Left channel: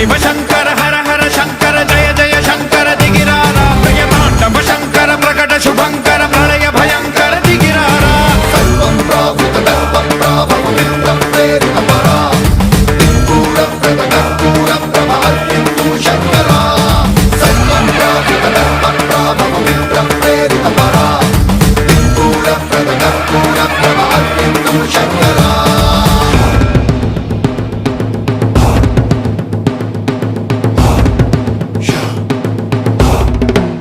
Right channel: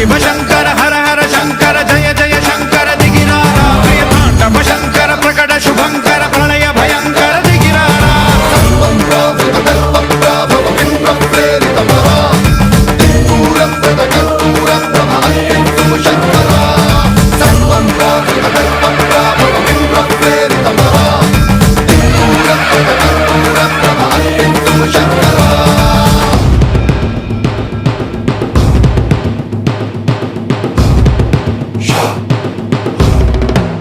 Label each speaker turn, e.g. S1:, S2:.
S1: спасибо, Жанна.